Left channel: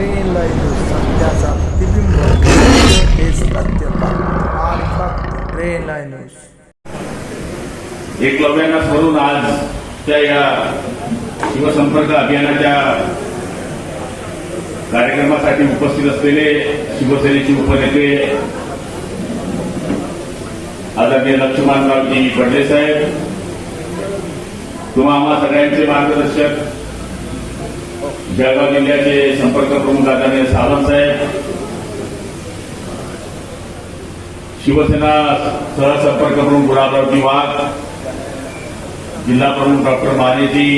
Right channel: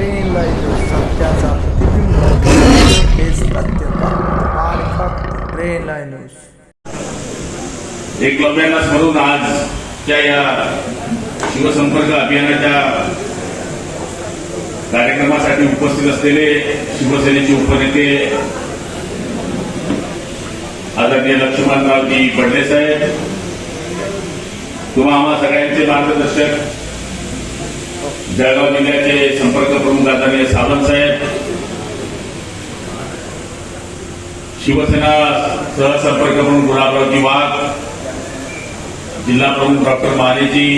Train line सत्याचा प्रतिबिंब हेच सत्य फक्त आणि फक्त ट्रेन लाईन न्यूज. एकलव्याला स्मरून आजच्या या शिवसंपर्क अभियानाच्या कार्यक्रमासाठी उपस्थित असलेले शिवसेनेचे उपनेते आदरणीय लक्ष्मणरावजी बडले साहेब, तुम्हा आम्हा सगळ्यांचे मार्गदर्शक जळगाव जिल्ह्याचे संपर्क प्रमुख आदरणीय सावंत साहेब, शिवसेना सहसंपर्क प्रमुख गुलाबरावजी वाघ, जिल्हा प्रमुख डॉक्टर मानेजी,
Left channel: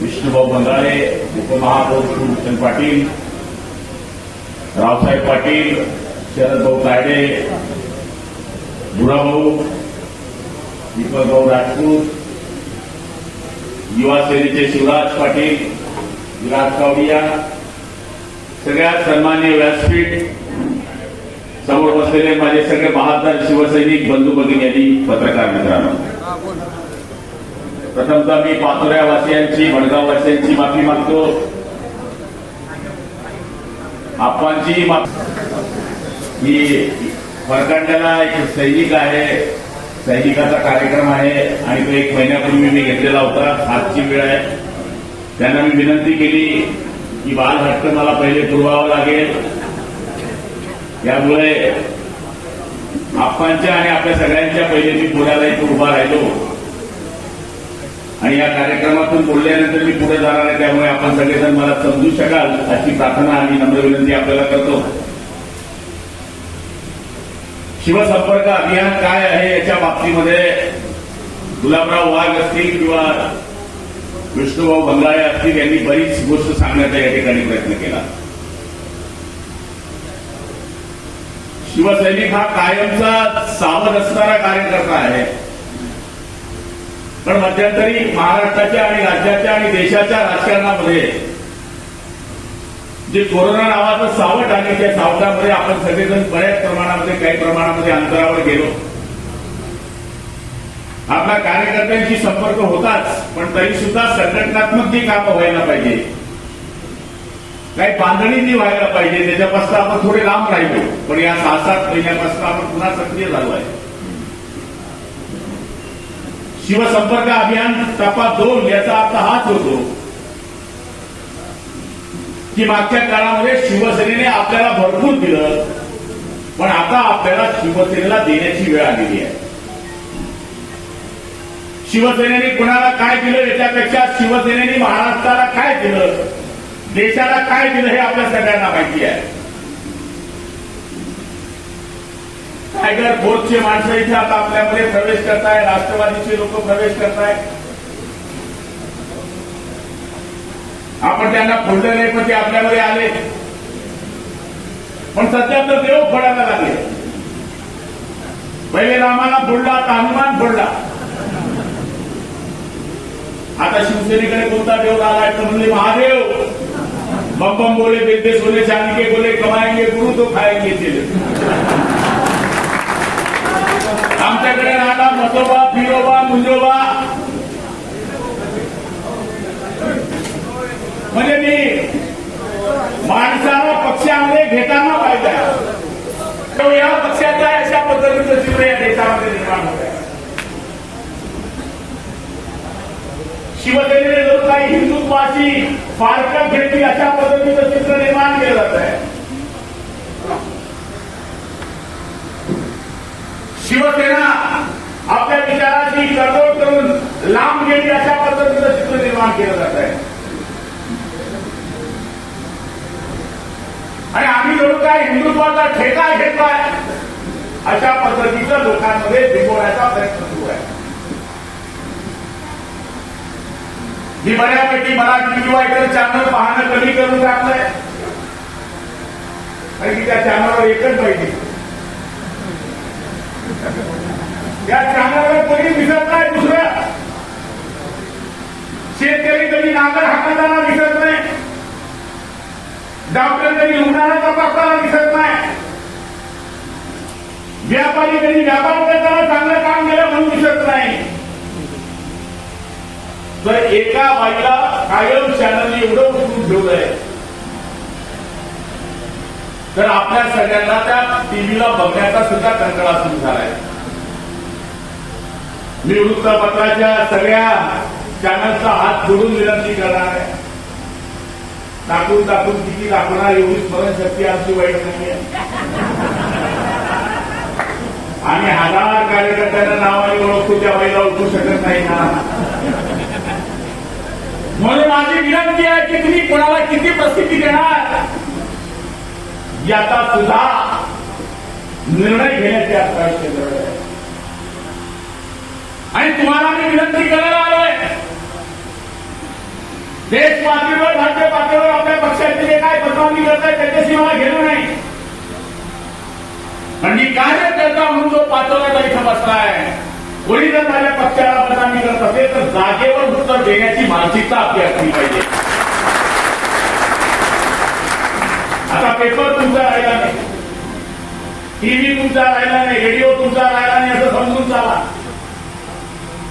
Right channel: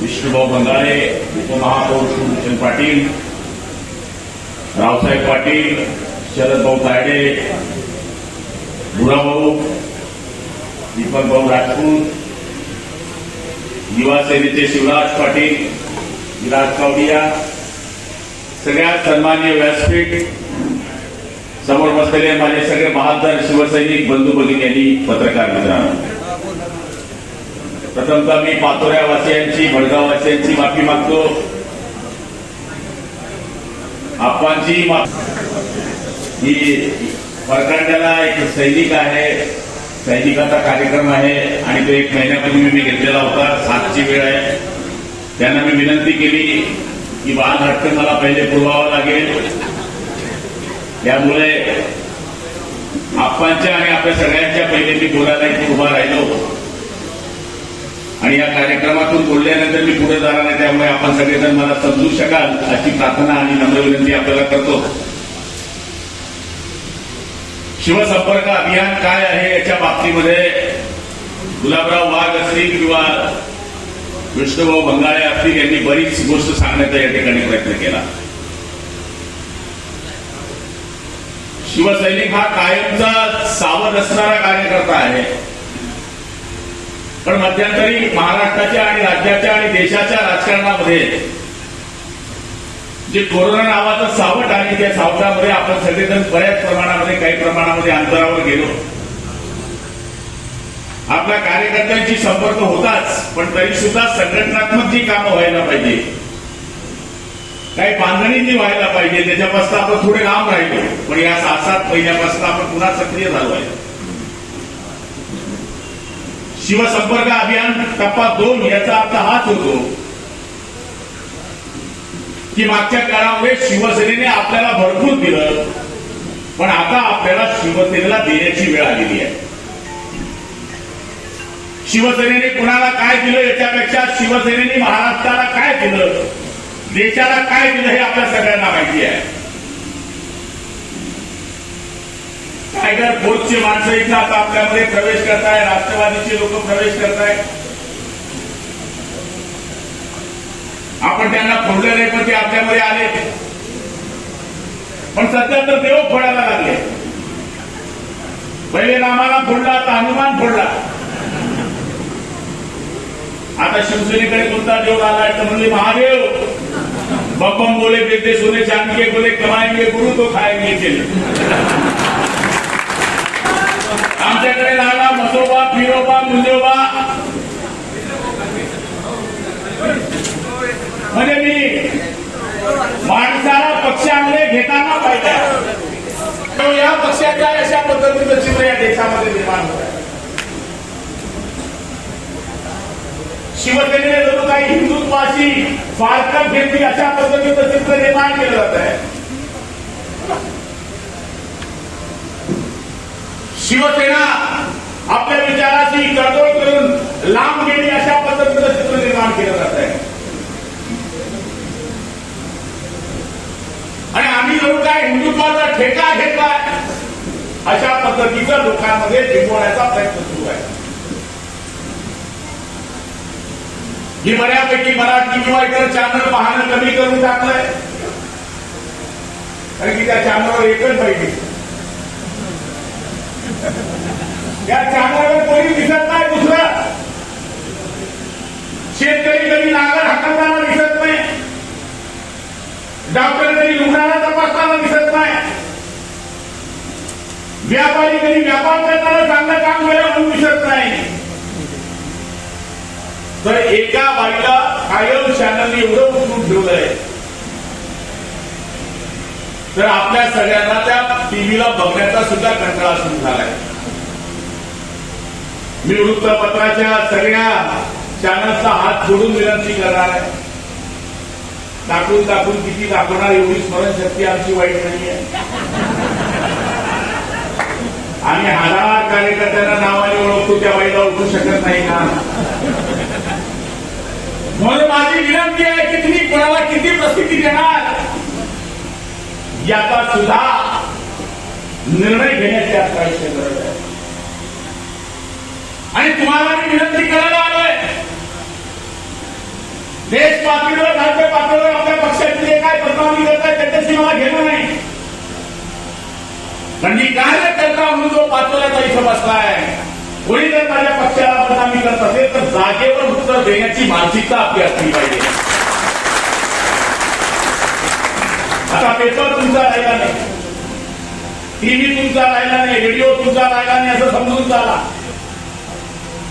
विष्णुभाऊ बंगाळे, उपमहापौर शिवभूषण पाटील, रावसाहेब पाटील, शरदभाऊ काडे, बुराभाऊ, दीपकभाऊ राजपूत, युवा सेनेचे शिवराज पाटील, विराज कावडिया, सगळ्यात सन्माननीय व्यासपीठ, समोर बसलेले माझे सगळे बहादर शिवसैनिक बंधू भगिनी यांनी पत्रकार मित्रांनो, प्रथमतः मी पाचोऱ्यावासियांची, भडगाववासियांची माफी मागतो. आपणची ही खरकांडाला एक सैनिक आहे, सैनिकाचा कार्यक्रम आहे आणि तो 1 महिन्यापूर्वी मी घेतलेला होता. 7ची वेळ आहे. त्यांना मी विनंती केली की बाळ हटकन मला पहिले पुरवावं लागेल. त्यामुळे आपणच्या आणि आपल्या सगळ्यांच्या पहिले मी बोलायला इथे उभा राहिलो आणि या कार्यक्रमातून बोलल्यानंतर मी पुढे जाणार आहे. त्यामुळे आपण सगळेजण मला समजू शकाल अशी प्रार्थना आणि नम्र विनंती आपल्याला करतो. शिवसंपर्क अभियान काय आहे याच्या बाबतीमध्ये गुलाबराव वाघ असतील किंवा विष्णुभाऊ बंगाळे असतील यांनी बरीच गोष्ट सांगण्याचा या ठिकाणी प्रयत्न केला. शिवसैनिक हा कायमचा सावध असणारा कार्यकर्ता आहे. पण मध्यंतरी महाराष्ट्राच्या आणि राज्याच्या आणि देशाच्या राजकारणामध्ये जे कोरोना नावाचं सावट आणि त्या सावटामध्ये आपण सगळेजण बऱ्याच प्रमाणामध्ये काही प्रमाणामध्ये अंतरावर गेलो. आपल्या कार्यकर्त्यांशी संपर्क होताच, पण तरी सुद्धा संघटनात्मक जी कामं व्हायला पाहिजे, काही बांधणींनी व्हायला पाहिजे, त्याच्यापासून आपण थोडे लांब राहिलो. पण या 6-7 महिन्यापासून आपण पुन्हा सक्रिय झालो आहे. शिवसंपर्क अभियान टप्पा 2 याचा अर्थ हाच होतो की मागच्या काळामध्ये शिवसेनेने आपल्याला भरपूर दिलं, पण आता आपल्याला शिवसेनेला देण्याची वेळ आलेली आहे. शिवसेनेने कुणाला काय दिलं याच्यापेक्षा शिवसेनेने महाराष्ट्राला काय दिलं, देशाला काय दिलं हे आपल्या सगळ्यांना माहिती आहे. टायगर फोर्सचे माणसं इथं आता आपल्यामध्ये प्रवेश करताय, राष्ट्रवादीचे लोक प्रवेश करताय. आपण त्यांना फोडलं नाही, पण ते आपल्यामध्ये आले. पण सध्या तर देव फोडायला लागले. पहिले रामाला फोडला, आता हनुमान फोडला. आता शिवसेनेकडे कोणता देव आलाय तर म्हणजे महादेव. बम बोले, बेटे सोने चांदी के बोले, कमाएंगे गुरु तो खाएंगे चले. आमच्याकडे राहिला मसोबा, फिरोबा, मुंजोबा. म्हणजे मी माणसाला पक्षामध्ये घेताना पाहिजे. या पक्षाच्या अशा पद्धतीचं चित्र या देशामध्ये निर्माण होत आहे. शिवसेनेने जणू काही हिंदुत्वाची फारकत घेतली अशा पद्धतीचं चित्र निर्माण केलं जात आहे. शिवसेना आपल्या विचाराची तडजोड करून लांब गेली अशा पद्धतीचं चित्र निर्माण केलं जात आहे. आणि आम्ही जणू काय हिंदुत्वाचा ठेका घेतलाय अशा पद्धतीचं लोकांमध्ये बिंबवण्याचा प्रयत्न सुरू आहे. मी बऱ्यापैकी मराठी किंवा इतर चॅनल पाहणं कमी करून टाकलंय, कारण की त्या चॅनलवर एकच पाहिजे. त्या चॅनलवर कोणी दिसत नाही. दुसरं शेतकरी कधी नांगर हाकलताना दिसत नाही, डॉक्टर कधी रुग्णाला तपासताना दिसत नाही, व्यापारी कधी व्यापार करताना चांगलं काम केलं म्हणून दिसत नाही. तर एका बाईला कायम चॅनलने एवढं उचलून ठेवलंय तर आपल्या सगळ्यांना त्या टीव्हीला बघण्याचा सुद्धा कंटाळा सुरू झालाय. मी वृत्तपत्राच्या सगळ्या चॅनल्सला हात जोडून विनंती करणार आहे. दाखवून दाखवून किती दाखवणार, एवढी स्मरणशक्ती आमची वाईट नाहीये. आम्ही हजार कार्यकर्त्यांना नावाने ओळखतो, त्या बाईला ओळखू शकत नाही का? म्हणून माझी विनंती आहे की तुम्ही कोणाला किती प्रसिद्धी देणार याचा सुद्धा निर्णय घेण्याची आपल्याला गरज आहे. आणि तुम्हाला आम्ही विनंती करायला आलोय, देश पातळीवर राज्य पातळीवर आपल्या पक्षाची जे काय प्रधानमंत्री करत आहे त्याच्याशी मला घेणं नाही. म्हणजे कार्यकर्ता म्हणून जो पातळीचा इथं बसलाय, कोणी जर माझ्या पक्षाला बदनामी करत असेल तर जागेवर उत्तर देण्याची मानसिकता आपली असली पाहिजे. आता पेपर तुमचा राहिला नाही, टीव्ही तुमचा राहिला नाही, रेडिओ तुमचा राहिला नाही असं समजून चाला.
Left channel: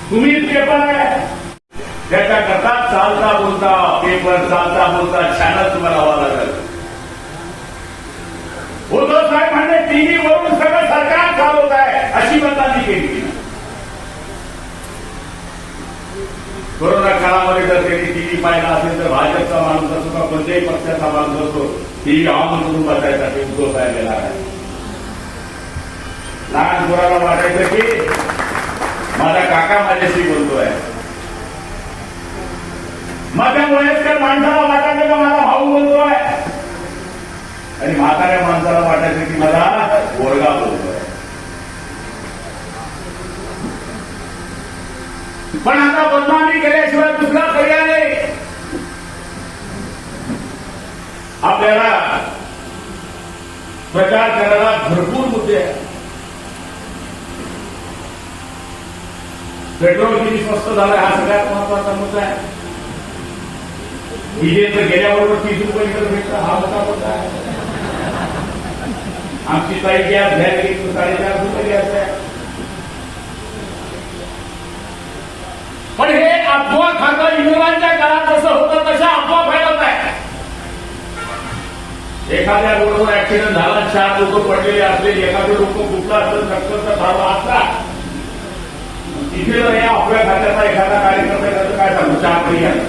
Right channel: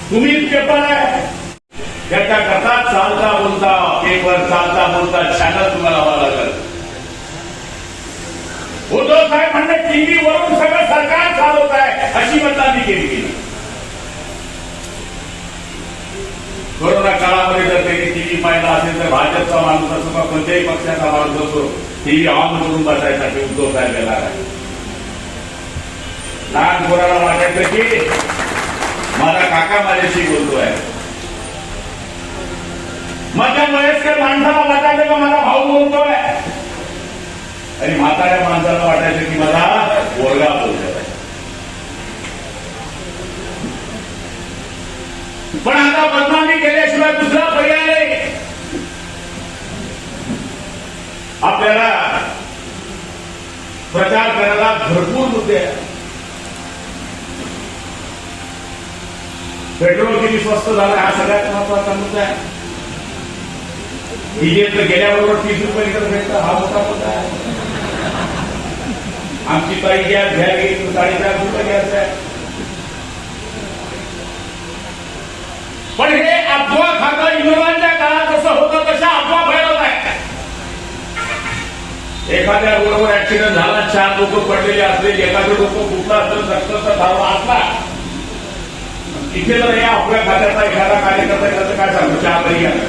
तुम्हीच पेपर आहे, त्याच्याकरता चालता बोलता पेपर, चालता बोलता चॅनल तुम्हाला व्हावं लागेल. उद्धव साहेब म्हणजे टीव्हीवरून सगळं सरकार चालवत आहे अशी मतदानी केली. कोरोना काळामध्ये जर त्यांनी टीव्ही पाहिला असेल तर भाजपचा माणूस असो का कोणत्याही पक्षाचा माणूस असो, टीव्ही ऑन करून बसायसाठी उद्धव साहेब येणार आहे. लहान पोराला वाटायचं की माझा काका माझ्याशी बोलतोय, माझ्या वयस्कर माणसाला वाटायचं का माझा भाऊ बोलतोय, आणि म्हाताऱ्या माणसाला वाटायचं की मला पोरगा बोलतोय. पण आता बदनामी केल्याशिवाय दुसरा पर्याय नाही. आपल्याला प्रचार करायला भरपूर मुद्दे आहेत. पेट्रोल किती स्वस्त झालं हा सगळ्यात महत्वाचा मुद्दा आहे. डिझेल तर गेल्याबरोबर 30 रुपये लिटर भेटतं हा मोठा मुद्दा आहे. आमची ताई गॅस घ्यायला गेली तर 4.5 रुपये गॅस आहे. पण हे अफवा खासदार विनोदांच्या काळात जसं होतं तशा अफवा फैलवत आहे. एखाद्या रोडवर ऍक्सिडेंट झाला, 4 लोक पडलेले असले, एखादं डोकं फुटलं असेल, रक्ताचा धावा असला, इथे जर या अफवा खात्याचा एखादा कार्यकर्ता त्याचं काय सांगतो, 4 महिन्यात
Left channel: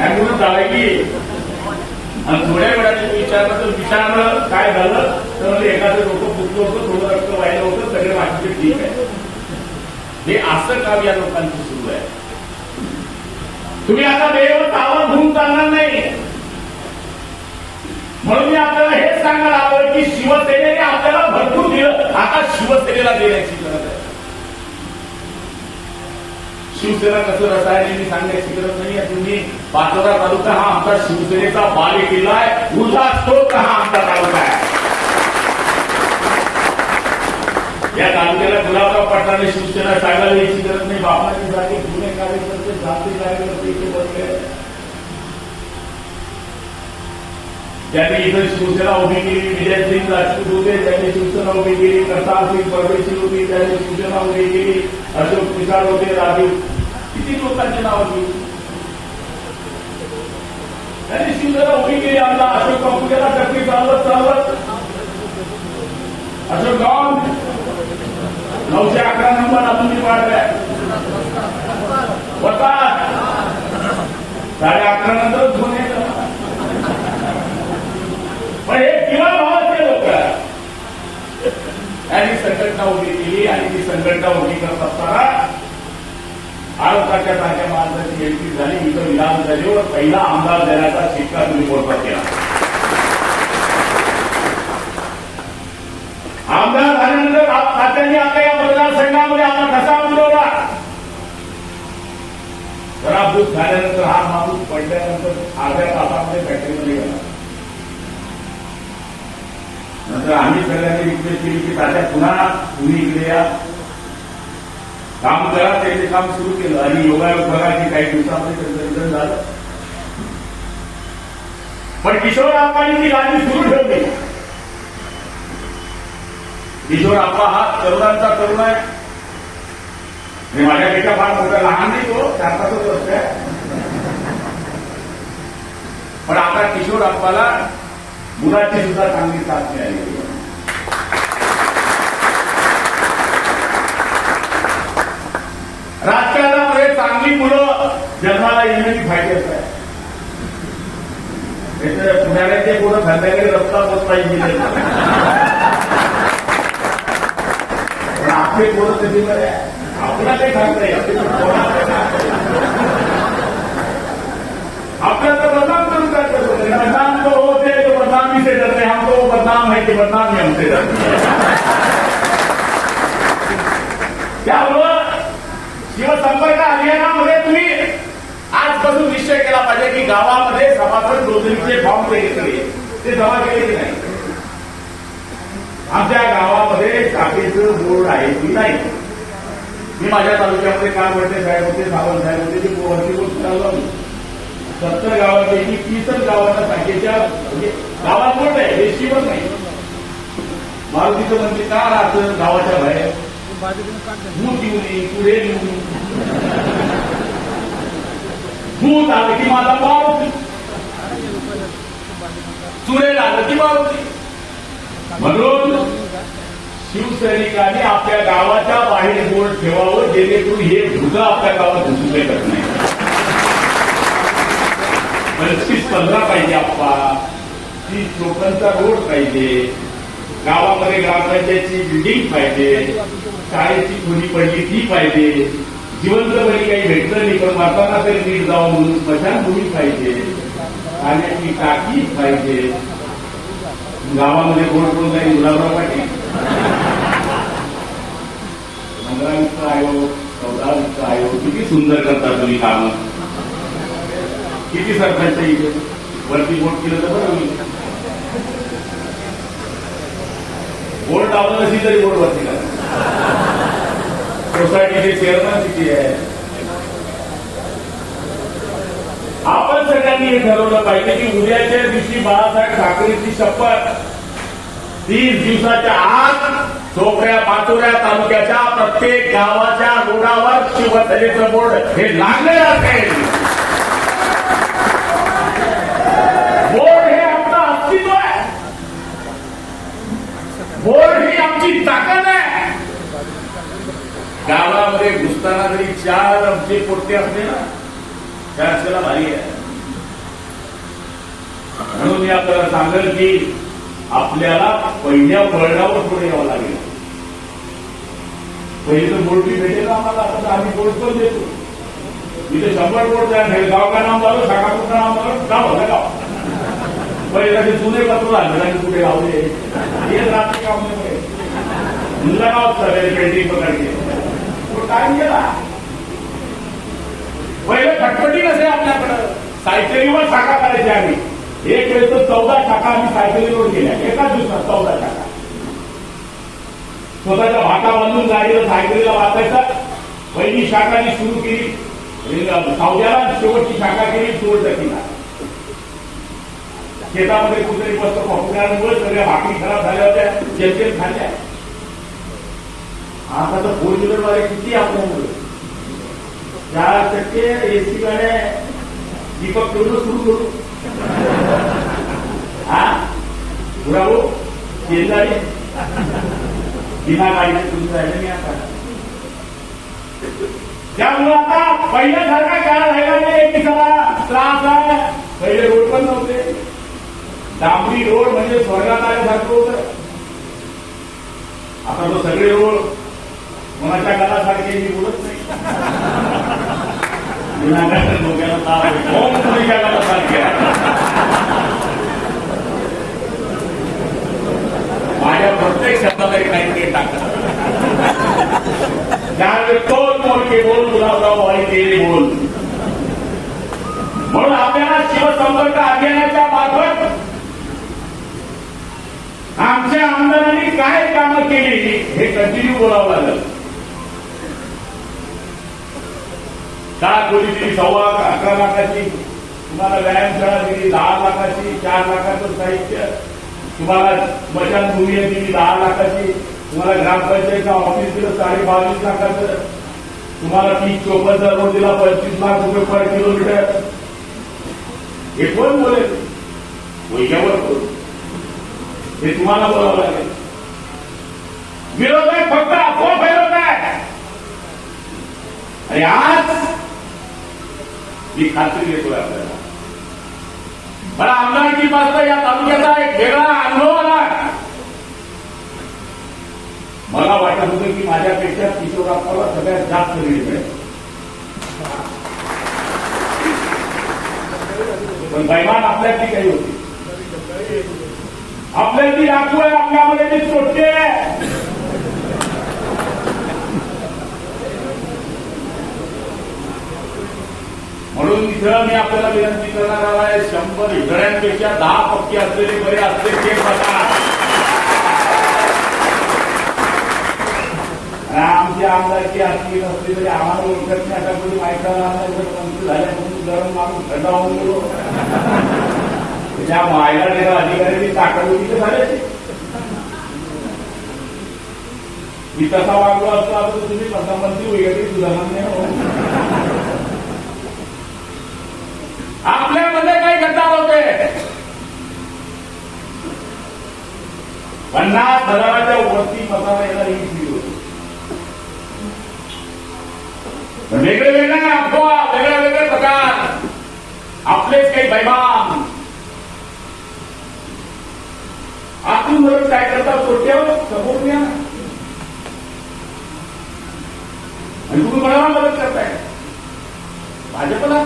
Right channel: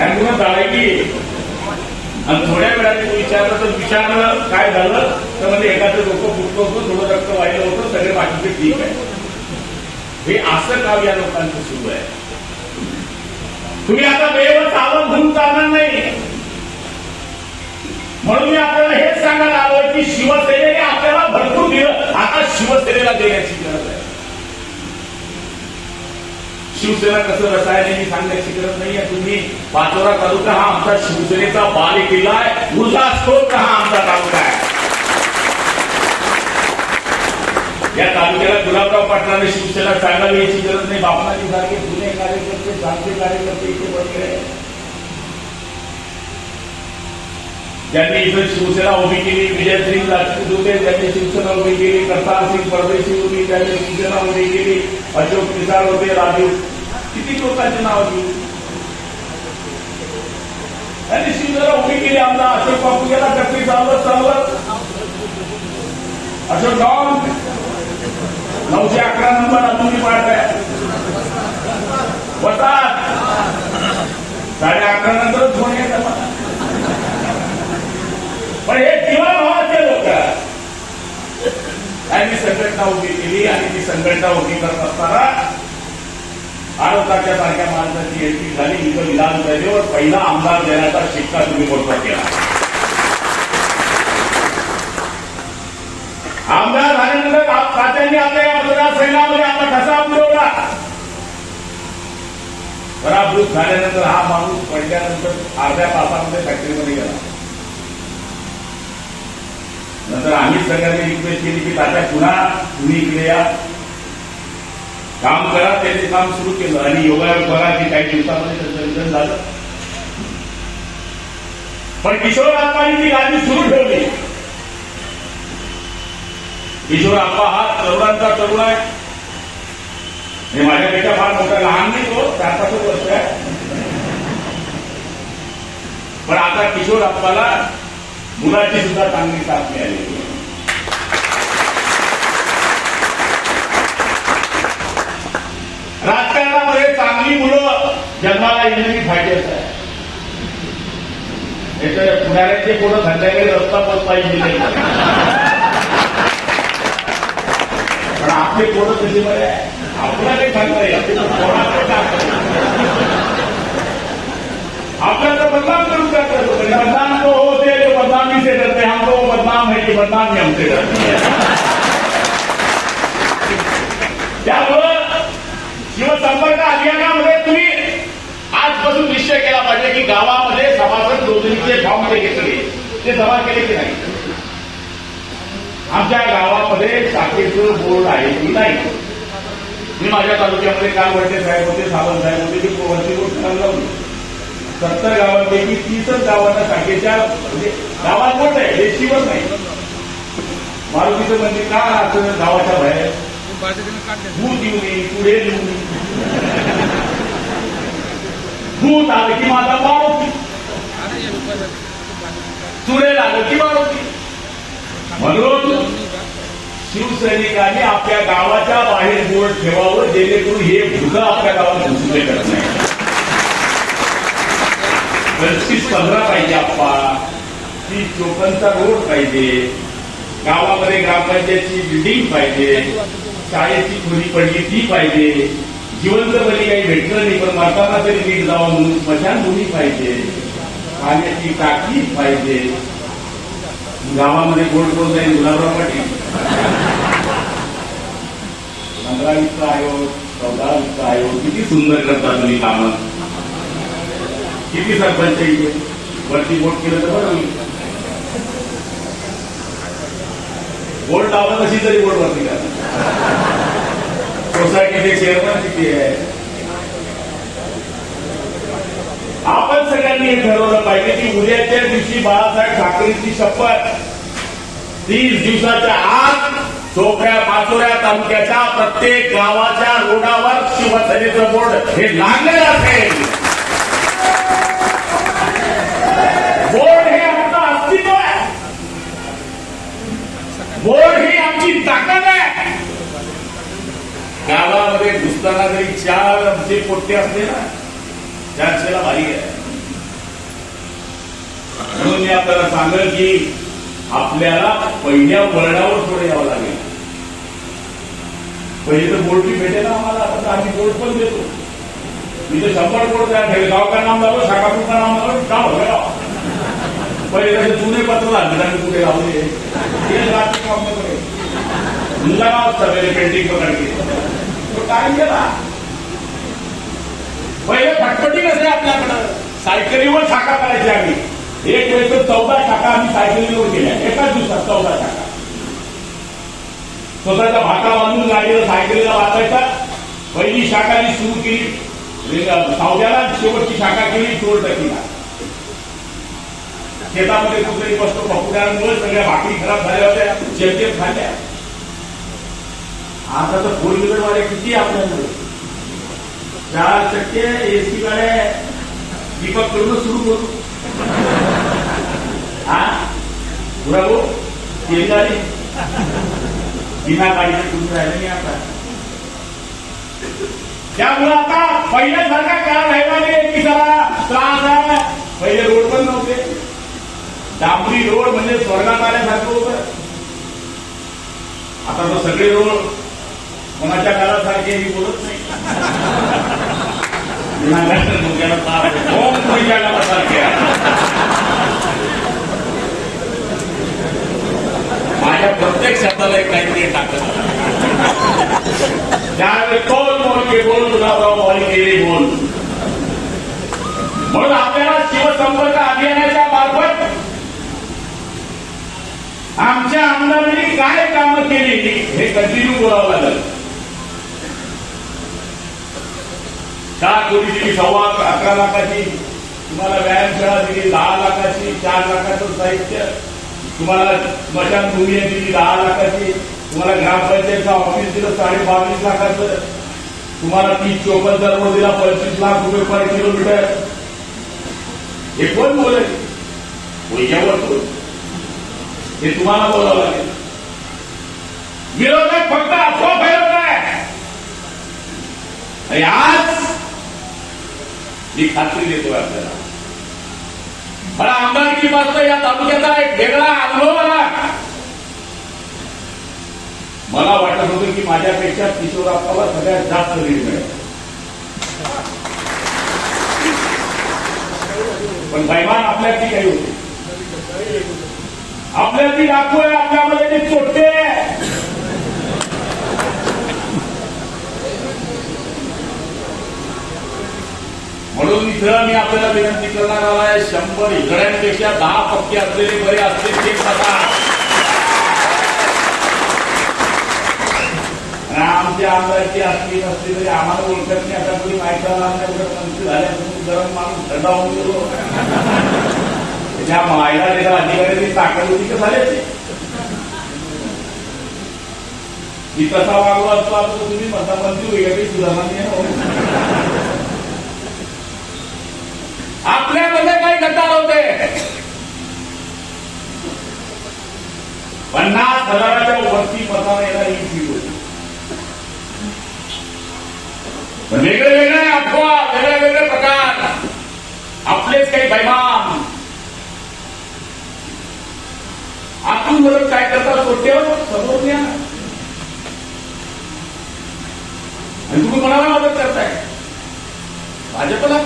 ऍम्ब्युलन्स जाळली आणि थोड्या वेळाने विचारलं काय झालं तर म्हणजे एखादं डोकं फुटलं होतं, थोडं रक्त वाहिलं होतं, सगळे बाकीचे ठीक आहे. हे असं काम या लोकांचं सुरू आहे. तुम्ही आता वेळेवर सावध होऊन चालणार नाही. म्हणून मी आपल्याला हेच सांगायला आलोय की शिवसेनेने आपल्याला भरपूर दिलं, आता शिवसेनेला देण्याची गरज आहे. शिवसेना कसं रसायन मी सांगण्याची गरज नाहीये. तुम्ही पाचोरा तालुका हा आमचा शिवसेनेचा बालेकिल्ला आहे, ऊर्जा स्त्रोत हा आमचा तालुका आहे. या तालुक्याला गुलाबराव पाटलांनी शिवसेना सांगावी याची गरज नाही. बापनाची जागे जुने कार्यकर्ते, जागतिक कार्यकर्ते इथे बसले, ज्यांनी इथं शिवसेना उभी केली. विजय सिंग राजपूत होते, त्यांनी शिवसेना उभी केली. करतार सिंग परदेशी होती, त्यांनी शिवसेना उभी केली. अशोक पिसाळ होते, राजू, किती लोकांची नावं घेऊ, त्यांनी शिवसेना उभी केली. आमचा अशोक बापू गेला कटली चालवत चालवत, अशोक गाव 911 नंबर अजूनही पाडल्या होतात. 11:30 नंतरच फोन येतात. पण हे किंवा भावाचे लोक त्यांनी संघटना उभी केली आणि ती संघटना उभी करत असताना भारताच्या सारख्या माणसाची एंट्री झाली. इथं विधानसभेवर पहिला आमदार देण्याचा शिक्का तुम्ही मोठा केला. आमदार झाल्यानंतर खात्याने आता या मतदारसंघामध्ये आपला कसा मिळवला. पराभूत झाल्यानंतर हा माणूस पडल्यानंतर अर्ध्या तासामध्ये फॅक्टरीमध्ये गेला. नंतर आम्ही सगळ्यांनी रिक्वेस्ट केली की तात्या पुन्हा तुम्ही इकडे या, काम करा. त्यांनी काम सुरू केलं आणि योगायोग बघा की काही दिवसामध्ये संचलन झालं. पण किशोर आप्पांनी ती गाडी सुरू ठेवली. किशोर आप्पा हा तरुणांचा तरुण आहे. हे माझ्यापेक्षा फार मोठा लहान नाही, तो 4-5 वर्ष आहे. किशोर आप्पाला मुलाची सुद्धा चांगली साथ मिळाली. राजकारणामध्ये चांगली मुलं जन्माला येण्याची फायदेच आहे. पुढाऱ्याचे पोरं संध्याकाळी रस्ता पोचता येईल पण आपले पोरं तशी आपल्याला काही सांगता येईल. आपल्याला तर बदनाम करून करतो. बदनाम तो होते जो बदनामी से डरते. हम तो बदनाम है कि बदनाम में हमसे डरते. त्यामुळं शिवसंपर्क अभियानामध्ये तुम्ही आजपासून निश्चय केला पाहिजे की गावामध्ये सभासद नोंदणीचे फॉर्म जे घेतले ते जमा केले की नाही. आमच्या गावामध्ये शाखेचं बोर्ड आहे की नाही. मी माझ्या तालुक्यामध्ये काल वडते साहेब होते, सावंत साहेब होते, की वरती गोष्ट करायला लावली. 70 गावापैकी 30च गावाच्या शाखेच्या म्हणजे गावात बोर्ड आहे, रेशीवर नाही. मारुतीचं मंदिर का राहतं गावाच्या बाहेर. भूत येऊ नये, पुढे येऊ नये. भूत आलं की माझा मारुती, चुडेल आलं की मारुती. म्हणून शिवसैनिकांनी आपल्या गावाच्या बाहेर बोर्ड ठेवावं जेणेकरून हे भूत आपल्या गावात घुसू करत नाही. 25-15 पाहिजे आप्पा, 30 लोकांचा रोड पाहिजे, गावामध्ये ग्रामपंचायतची बिल्डिंग पाहिजे, शाळेची खोली पडली ती पाहिजे, जिवंत तरी काही भेटलं नाही पण मारताना तरी नीट जावं म्हणून स्मशानभूमी पाहिजे, पाण्याची टाकी पाहिजे. गावामध्ये कोण कोण जाईल गुलाबराव पाटील, 15-20 आयोग, 14-20 आयोग किती सुंदर करतात तुम्ही कामं. किती सरपंच वरती बोट केलं तर बरं होईल. बोर्ड लावलं कशी तरी बोर्ड वरती करा. सोसायटीचे चेअरमॅन किती आहे. आपण सगळ्यांनी हे ठरवलं पाहिजे की उद्याच्या दिवशी बाळासाहेब ठाकरेंची शपथ 30 दिवसाच्या आत चोपड्या पाचोऱ्या तालुक्याच्या प्रत्येक गावाच्या रोडावर शिवसेनेचं बोर्ड हे लागलं असेल. बोर्ड हे आमचं अस्तित्व आहे. बोर्ड ही आमची ताकद आहे. गावामध्ये घुसताना जरी 4 आमचे पोट्टे असले ना 400ला भारी आहे. म्हणून मी आपल्याला सांगेल की आपल्याला पहिल्या वळणावर पुढे यावं लागेल. पहिले तर बोर्ड की भेटेल आम्हाला, आता आम्ही बोर्ड पण देतो. मी तर 100 बोर्ड द्या. गाव का नाम झालं, शाखापूरचं नाम झालं, गाव होतं गाव. पहिले कसे जुने पत्र झाले आणि कुठे लावले रात्री काम मुला गाव सगळे पेंटिंग पकडले तो काय गेला. पहिले फटफटी कसे आपल्याकडं सायकलीवर शाखा करायची आम्ही. एक वेळ तर 14 शाखा आम्ही सायकलीवर केल्या एकाच दिवसात. 14 शाखा स्वतःचा भाका बांधून गाडीला सायकलीला वाचायचा. पहिली शाखा ही सुरू केली सावग्याला, शेवटची शाखा केली चोरटकीला. शेतामध्ये कुठेतरी बसतो पकडल्यामुळे सगळ्या भाकरी खराब झाल्या होत्या, जेमतेम खाल्ल्या. आता तर 4 व्हीलरवाले किती आपल्यामुळे 4 चक्के एसी गाड्या पिकअप करून सुरू करू. हा बुरावो शेजारी बिना गाडीचे कुठे राहिले नाही आता. त्यामुळे आता पहिल्यासारखा काळ राहिला नाही की जरा त्रास आहे. पहिले रोड पण नव्हते. डांबरी रोड म्हणजे स्वर्गात आल्यासारखं होतं. आता तो सगळे रोड कोणाच्या घरासारखे मी बोलत नाही. मुलाच्या घरासारखे माझ्या प्रत्येक शब्दाला एक काहीतरी टाकत. त्यावेळी तोल मोलके बोल, गुलाबराव वाली बोल. म्हणून आपल्याला शिवसंपर्क अभियानाच्या मार्फत आमच्या आमदारांनी काय कामं केली हे कंटिन्यू बोलावं लागेल. 4 कोटी दिली, 11 लाखाची तुम्हाला व्यायामशाळा दिली, 10 लाखाची, 4 लाखाचं साहित्य तुम्हाला, स्मशानभूमी दिली 10 लाखाची, तुम्हाला ग्रामपंचायतचं ऑफिस दिलं 22.5 लाखाचं, तुम्हाला 30-54 रोड दिला 25 लाख रुपये पर किलोमीटर. हे कोण बोलेल. यावर हे तुम्हाला बोलावं लागेल. विरोधक फक्त अफवा फैलवत आहे. आणि आज मी खात्री देतोय आपल्याला, मला आमदारकी पासून या तालुक्याचा एक वेगळा अनुभव आला. मला वाटत होतं की माझ्यापेक्षा किशोरप्पाला सगळ्यात जास्त लीड मिळेल, पण बैमान आपल्यातली काही होती. आपल्यातली डाकू आहे, आपल्यामध्ये ती चोट्टे आहे. म्हणून इथं मी आपल्याला विनंती करणार आहे, 100 हिजड्यांपेक्षा 10 पक्के असलेले बरे असले ते बघा. आमची आमदारकी असली नसली तरी आम्हाला ओळखत नाही. आता कोणी माहिती मंत्री झाल्यापासून गरम माणूस थंड होऊन गेलो. त्या मायवाडीला अधिकारी ताकद होती तर झाले. मी कसा वागलो असतो आता तुम्ही मंत्री वगैरे सुधारणे. आपल्यामध्ये काही गद्दार होते. 50,000च्या वरती पगार यायला ही फी होती. वेगळे वेगळे अफवा, वेगळे वेगळे प्रकार, आपलेच काही बैमान. आपण जर काय करता सोडतेवर समोर घ्या आणि तुम्ही कोणाला मदत करताय? भाजपला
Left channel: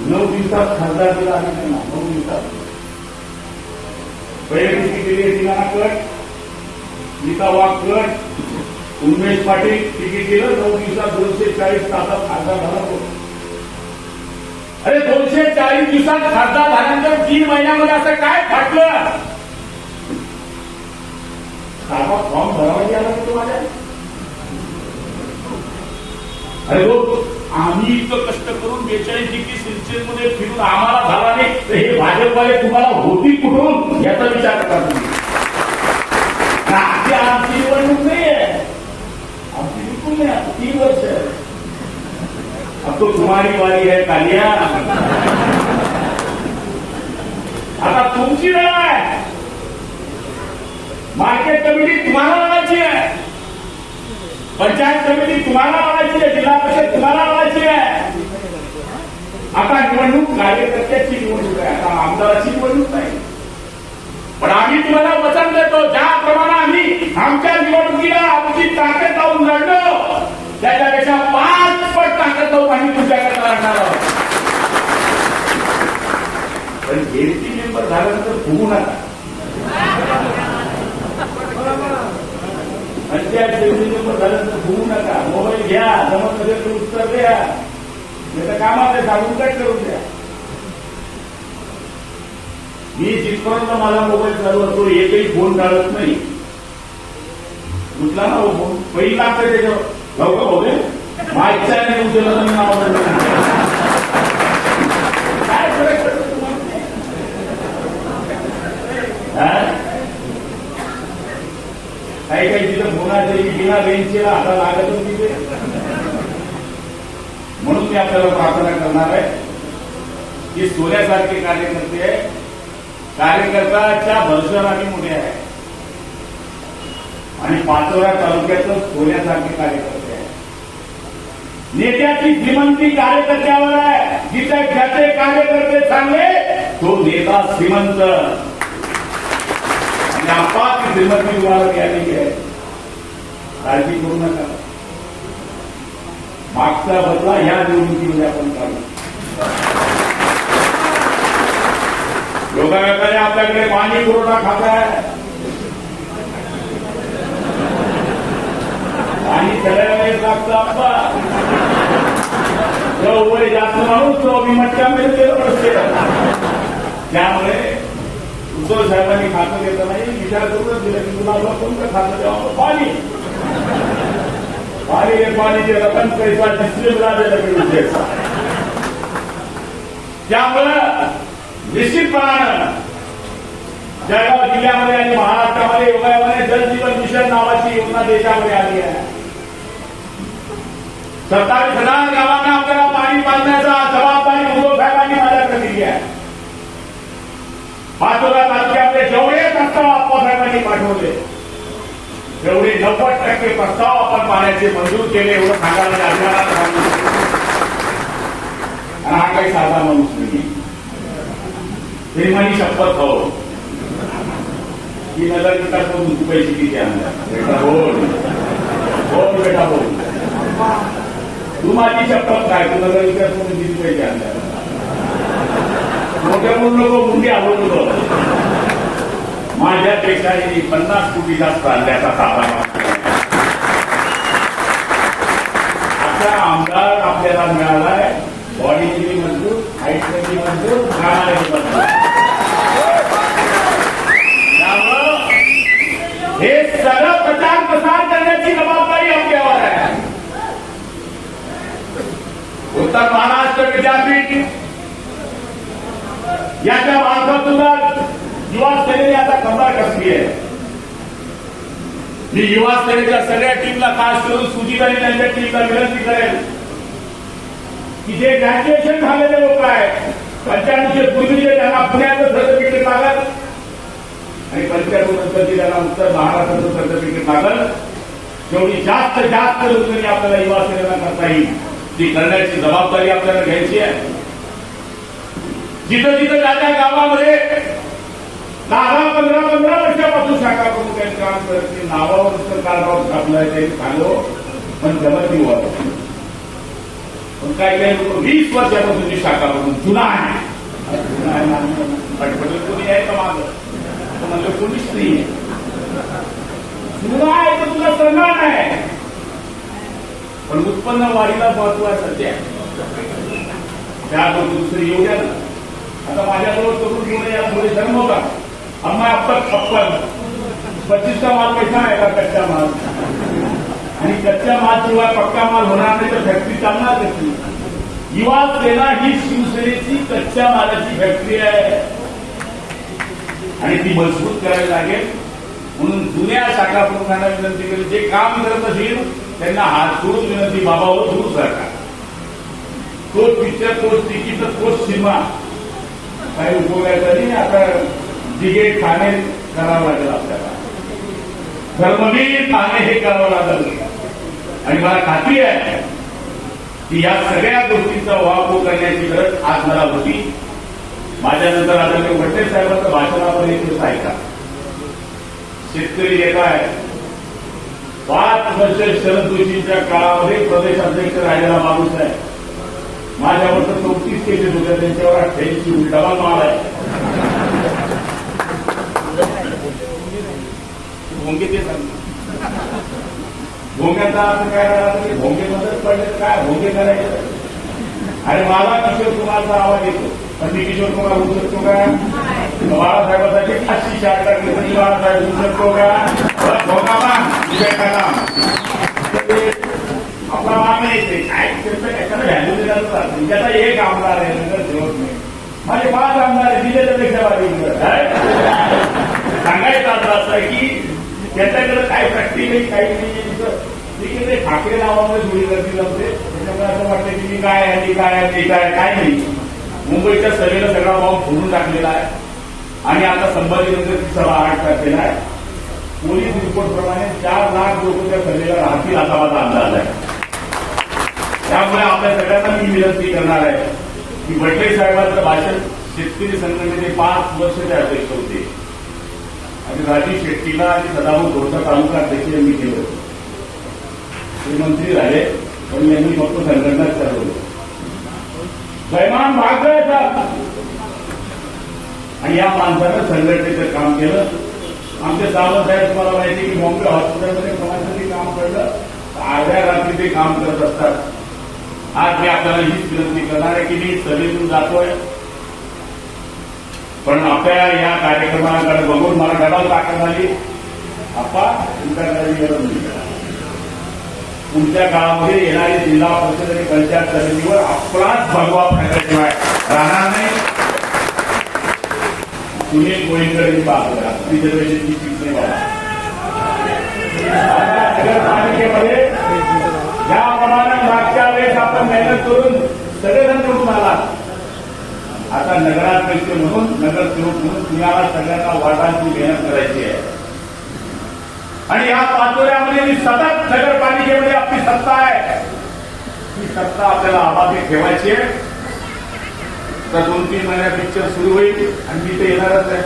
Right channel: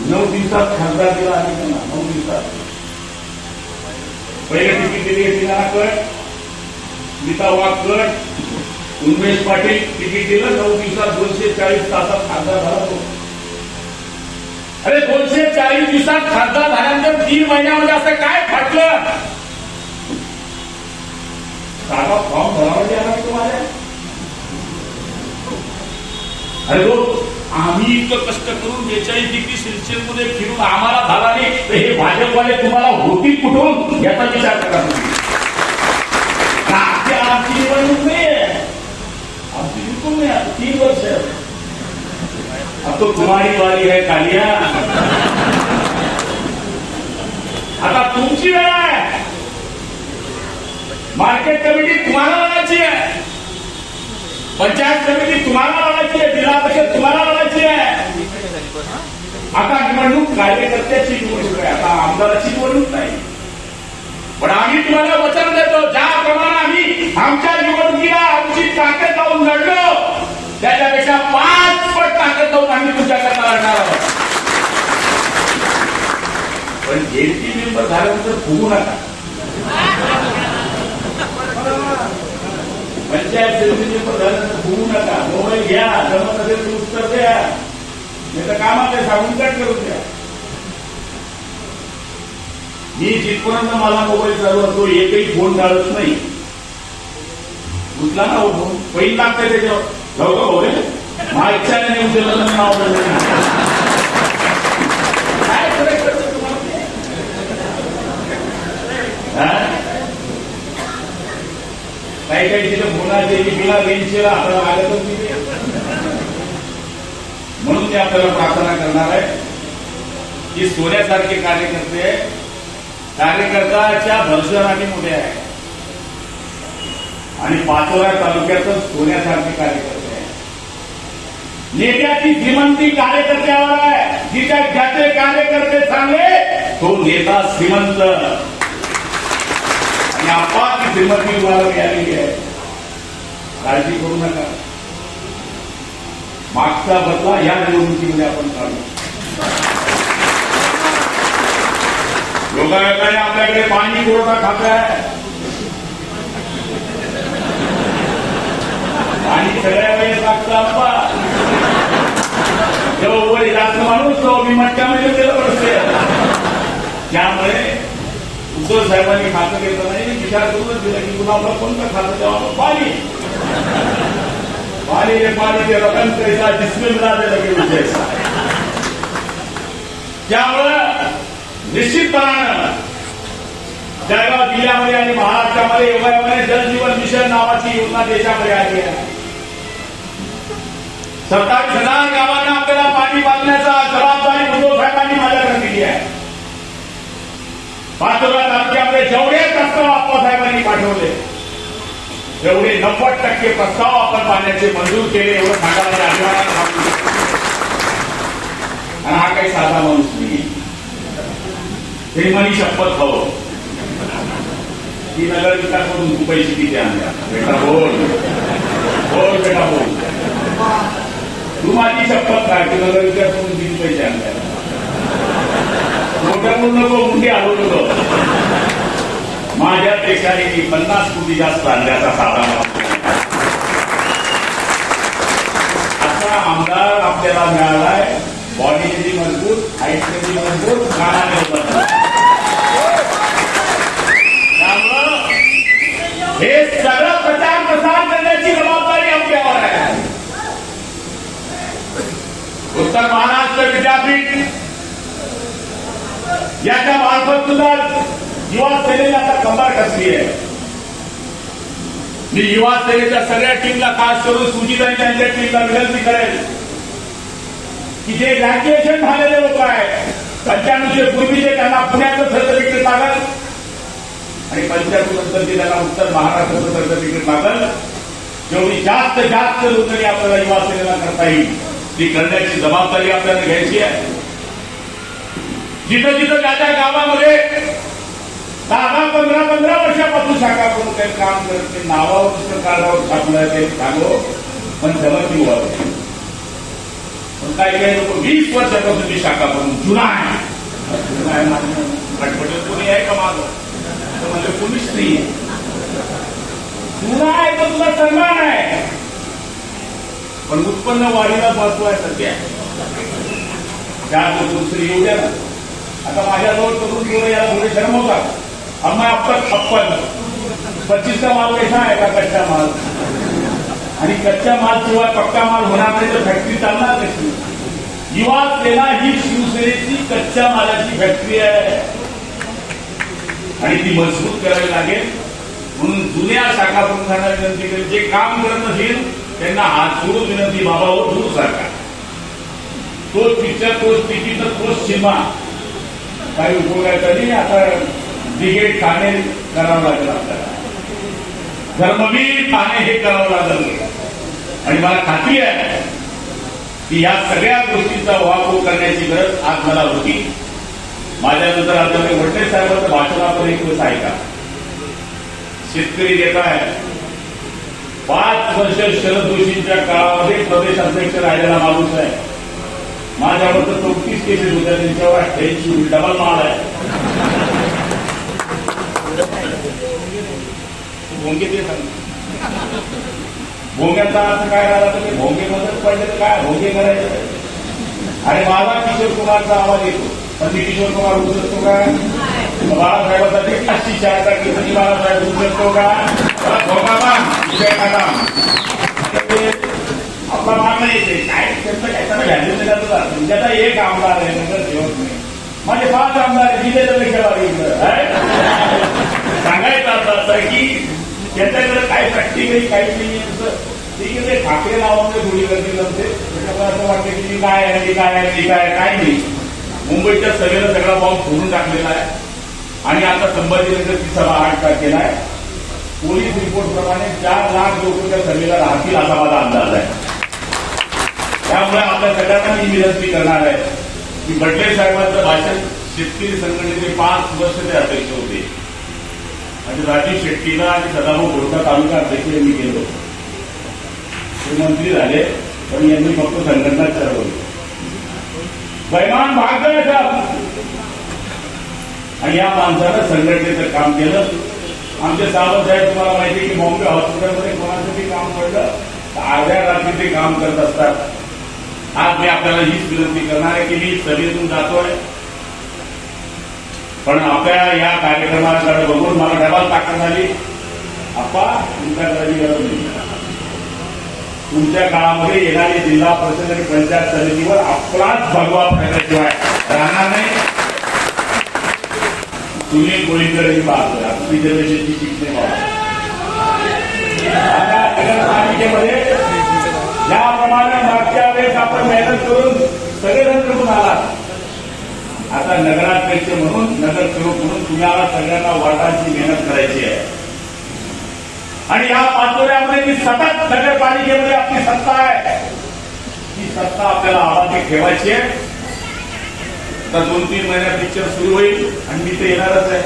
9 दिवसात खासदार दिला आहे त्यांना. 9 दिवसात पहिले तिकीट दिली तिला cut, Smita Wagh cut, Umesh Patil ticket दिलं. 9 दिवसात 240 तासात खासदार झाला. अरे 240 दिवसात खासदार झाल्यानंतर 3 महिन्यामध्ये असं काय फाटलं? साधा फॉर्म भरावा आला तुम्हाला. अरे आम्ही इतकं कष्ट करून 42 डिग्री सेल्सिअसमध्ये फिरून आम्हाला झाला नाही, हे भाजपवाले तुम्हाला होती कुठून याचा विचार करा. आमची निवडणूक नाही आहे, आमची बिलकुल नाही. 3 वर्ष अब तो तुम्हारी बारी है कालिया. आता तुमची वेळ आहे. मार्केट कमिटी तुम्हाला लावायची आहे, पंचायत समिती तुम्हाला लावायची आहे, जिल्हा परिषद तुम्हाला लावायची आहे. आता निवडणूक कार्यकर्त्याची निवडणूक आहे, आता आमदाराची निवडणूक नाही. पण आम्ही तुम्हाला वचन देतो, ज्याप्रमाणे आम्ही आमच्या निवडणुकीला आमची ताकद लावून लढलो, त्याच्यापेक्षा 5 पट ताकद लावून आम्ही तुमच्याकरता लढणार आहोत. पण जेपी मेंबर झाल्यानंतर फुगू नका. पंचायत समिती मेंबर झाल्यानंतर फुगू नका. मोबाईल घ्या, जमत नसेल तर उत्तर द्या, नाही तर कामात सांगून कट करून द्या. मी जिथपर्यंत मला मोबाईल चालू असतो एकही फोन काढत नाही. कुठला ना फोन पहिली लागते त्याच्यावर लवकर हो रे, माझ्या इच्छा नाही दिलं मी नाव काय करायचं काही काही तिथं फोनाचे बिना रेंजचे आता लागत तिथे. म्हणून मी आपल्याला प्रार्थना करणार आहे की सोन्यासारखे कार्यकर्त्याच्या भरवशाने मोठे आहे आणि पाचोरा तालुक्याचं सोन्यासारखे कार्यकर्ते आहे. नेत्याची श्रीमंती कार्यकर्त्यावर आहे. ज्याचे कार्यकर्ते चांगले तो नेता श्रीमंत. आणि आपात श्रीमंती तुम्हाला मिळालेली आहे, काळजी करू नका. मागचा बदला या निवडणुकीमध्ये आपण काढू. योगायोगाने आपल्याकडे पाणी पुरवठा खातं आहे. पाणी सगळ्या वेळेस लागतं. आपला जेव्हा वय जास्त माणूस तो मी मट्ट्यामध्ये गेलं असते. त्यामुळे उद्धव साहेबांनी खातं घेतलं नाही, विचार करूनच दिलं की तुला कोणतं खातं तेव्हा पाणी पाणी ते रकम कैसा डिस्प्लेला दिलं. त्यामुळं निश्चितपणानं जळगाव जिल्ह्यामध्ये आणि महाराष्ट्रामध्ये योगायोगाने जलजीवन मिशन नावाची योजना देशामध्ये आली आहे. सरकारी 10,000 गावांना आपल्याला पाणी बांधण्याचा जबाबदारी उद्धव साहेबांनी माझ्याकडे दिली आहे. लातूरात आपले जेवढे प्रस्ताव आप्पासाहेबांनी पाठवले एवढे 90% प्रस्ताव आपण पाण्याचे मंजूर केले एवढं सांगायला मी अभिमानात सांगू. आणि हा काही साधा माणूस नाही. माझी शपथ हो की नगर विकास करून तू पैसे किती आणल्या बेटा बोल बोल बेटा बोल तू माझी शपथ काय की नगर विकास करून किती पैसे आणल्या मोठ्या बोलू नको मुंडी आलो नको. माझ्या देशाने 50 कोटी जास्त आणल्याचा साधा असा आमदार आपल्याला मिळालाय. बॉडी कधी मजबूत हाईट कधी मजबूत कानामध्ये मजबूत. त्यामुळं हे सरळ प्रचार प्रसार करण्याची जबाबदारी आपल्यावर आहे. उत्तर महाराष्ट्र विद्यापीठ याच्या मार्फत सुद्धा युवा सेनेने आता कंबर कसली आहे. मी युवा सेनेच्या सगळ्या टीमला खास करून सुजिताई यांच्या टीमला विनंती करेल की जे ग्रॅज्युएशन झालेले लोक आहेत 95 पूर्वीचे त्यांना पुण्याचं सर्टिफिकेट लागल आणि 95 नंतरची त्यांना उत्तर महाराष्ट्राचं सर्टिफिकेट लागल. जेवढी जास्त नोंदणी आपल्याला युवा सेनेला करता येईल ती करण्याची जबाबदारी आपल्याला घ्यायची आहे. जिथं जिथं त्या गावामध्ये 10-15 वर्षापासून शाखा प्रमुख काही काम करत ते नावावर नुसतं कारभार छापलं ते सांगो पण जमती व्हावं. पण काही काही लोक 20 वर्षापासून मी शाखा प्रमुख जुना आहे पटपट कोणी आहे का माझं म्हणजे कोणीच नाही. जुना आहे तर तुला सन्मान आहे पण उत्पन्न वाढीला महत्व आहे सध्या. त्या दुसरी येऊ द्या ना. आता माझ्याजवळ करून थोडं याला थोडे शर्म होता. हमने अब तक 55 का माल कैसा आएगा कच्चा माल आणि कच्च्या माल शिवाय पक्का माल होणार नाही तर फॅक्टरी चालणार कशी. युवा सेना ही शिवसेनेची कच्च्या मालाची फॅक्टरी आहे आणि ती मजबूत करावी लागेल. म्हणून जुन्या शाखा प्रमुखांना विनंती करेल जे काम करत असेल त्यांना हात सोडून विनंती बाबावर सुरू सरकार तो टीचर पोस्ट तिकीट पोस्ट सीमा काही उपयोगाचा नाही. आता ब्रिगेड ठाणे करावं लागेल आपल्याला धर्मवीर ठाणे हे करावं लागेल आणि मला खात्री आहे की या सगळ्या गोष्टींचा वापर करण्याची गरज आज मला होती. माझ्यानंतर आता मी वडणे साहेबांचं भाषण आपण एक गोष्ट ऐका. शेतकरी नेता आहे 5 वर्ष शरद जोशींच्या काळामध्ये प्रदेश अध्यक्ष राहिलेला माणूस आहे. माझ्यावर तर 34 केसेस होत्या त्यांच्यावर 88 डबल माल आहे. भोंगे ते सांग भोंग्याचा अर्थ काय झाला तर भोंगे मदत पाहिजे काय भोंगे करायचं. आणि माझा किशोर कुमारचा आवाज येतो पण मी किशोर कुमार होऊ शकतो का. बाळासाहेबांसाठी 80 केसाची बाळासाहेब होऊ शकतो का. भोंगा आपला मान नाही येते काय त्याचं काय व्हॅल्यू दिला तुमच्याचा एक आमदार आहे नंतर जेवत नाही. माझे 5 आमदार दिलेल्यापेक्षा सांगायचं असं आहे की त्याच्याकडे काय प्रॅक्टिकली काही नाही. ठीक आहे ठाकरे नावामध्ये गोळी करतील होते त्याच्यामुळे असं वाटतं की मी काय आहे काय नाही. मुंबईच्या सभेला सगळा भाव फोडून टाकलेला आहे आणि आता संभाजीनगरची सभा 8 तारखेला आहे. पोलीस रिपोर्टप्रमाणे 4 लाख लोक त्या सभेला राहतील असा माझा अंदाज आहे. त्यामुळे आपल्या सगळ्यांना मी विनंती करणार आहे की भट्टे साहेबांचं भाषण शेतकरी संघटनेचे 5 वर्ष ते अध्यक्ष होते आणि राजीव शेट्टीला आणि सदाभाऊ गोरखा तालुका अध्यक्ष यांनी केलं होतं. ते मंत्री झाले पण यांनी फक्त संघटनाच ठरवली. बैमान भागायचा आणि या माणसानं संघटनेचं काम केलं. आमचे सावंत साहेब तुम्हाला माहिती की बॉम्बे हॉस्पिटलमध्ये कोणासाठी काम पडलं तर अर्ध्या रात्री ते काम करत असतात. आज मी आपल्याला हीच विनंती करणार आहे की मी सभेतून जातोय कारण आपल्या या कार्यक्रमाकडे बघून मला डबल ताकद झाली. आता तुमच्या गरज नाही. पुढच्या काळामध्ये येणारी जिल्हा परिषद आणि पंचायत समितीवर आपलाच भगवा फायदाशिवाय राहणार नाही. तुम्ही कोणीकडे पाहतोय रिझर्वेशनची शिक्षण नगरपालिकेमध्ये ज्याप्रमाणे मागच्या वेळेस आपण मेहनत करून सगळेजण करून आला आता नगराध्यक्ष म्हणून नगरसेवक म्हणून तुम्हाला सगळ्यांना वाटाची मेहनत करायची आहे आणि या पाचोऱ्यामध्ये मी सतत नगरपालिकेमध्ये आपली सत्ता आहे ही सत्ता आपल्याला आबादी ठेवायची आहे. तर 2-3 महिन्यात पिक्चर सुरू होईल आणि मी ते येणारच आहे.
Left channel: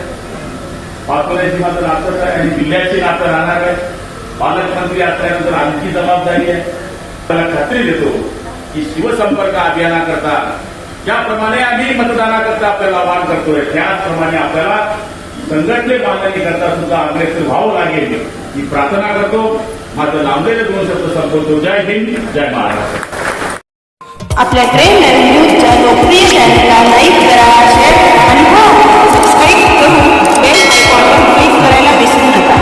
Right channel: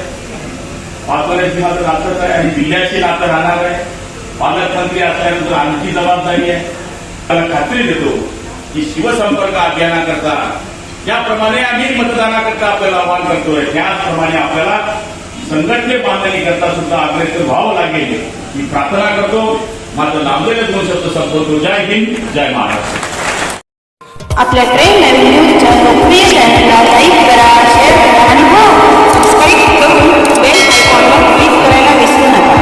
पाचोऱ्याची मात्र नातच आहे आणि जिल्ह्याची नातं राहणार आहे. पालकमंत्री असल्यानंतर आणखी जबाबदारी आहे. मला खात्री देतो की शिवसंपर्क अभियानाकरता ज्याप्रमाणे आम्ही मतदानाकरता आपल्याला आवाहन करतोय त्याचप्रमाणे आपल्याला संघटनीय बांधणी करता सुद्धा अग्रेसर व्हावं लागेल ही प्रार्थना करतो. माझं नामदेव 2 शब्द संबोधतो. जय हिंद, जय महाराष्ट्र. आपल्या ट्रेन लाईव्ह न्यूजच्या लोकप्रिय चॅनलला लाईक करा, शेअर करा आणि हो सबस्क्राईब करून बेल आयकॉनवर क्लिक करायला विसरू नका.